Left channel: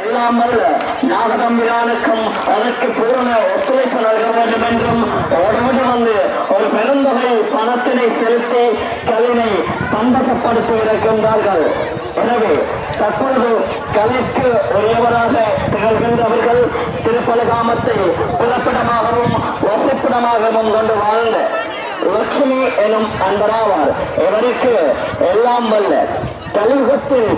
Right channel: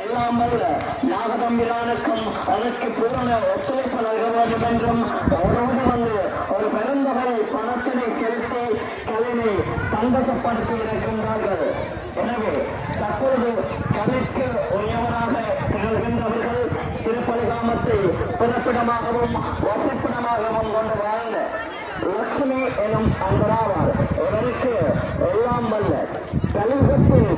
எல்லாம் அல்ல நாகதம்பிரானுக்கும் அதற்கு பூர்ண ஒத்துழைப்பு நல்க வேண்டும் என்றும் ஓடோடு வந்து ஒரு பெருந்தொகை பணத்தினை செலுத்தி கலையை சந்தோஷப்படுத்தி இருக்கின்றார்கள். எனவே தற்போது கலைக்கு உரியவராக திகழ்கின்றவர்கள் திருப்பலகாமத்தை பிறப்பிடமாகவும் வசிப்பிடமாகவும் கொண்டு வாழ்ந்த லட்சுமி எனும் அன்பராவார். இவருக்கு எல்லாம் வல்ல கலியுகத்தில்